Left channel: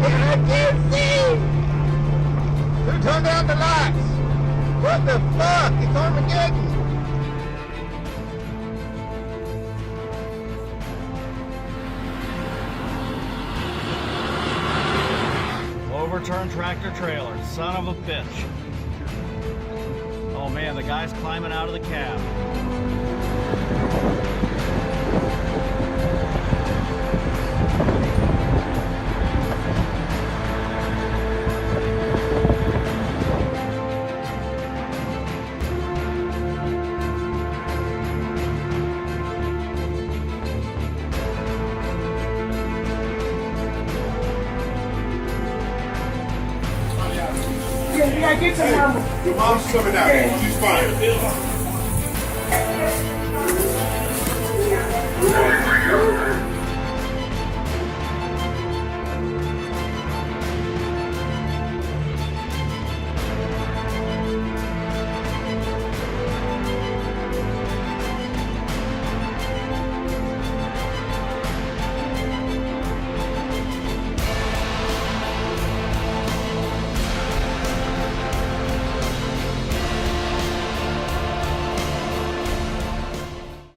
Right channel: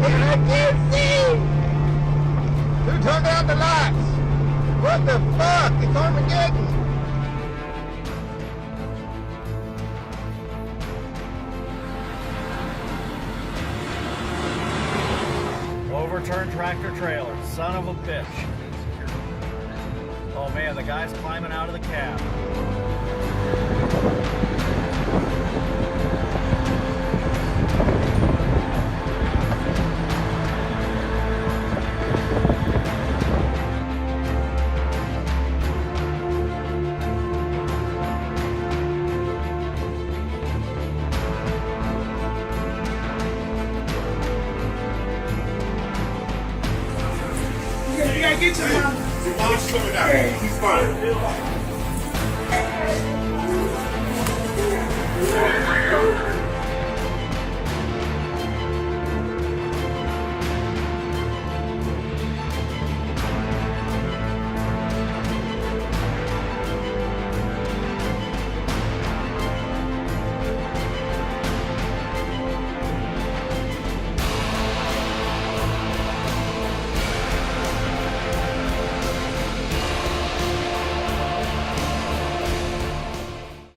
I can't see! Who turned out the lights? What the fuck? It's Armageddon! Overturned tractor trailer, son of a bitch. Oh man, the guy's climbing out of the cab. You gotta get your mama. Your mom's coming out. Yeah. She's fine.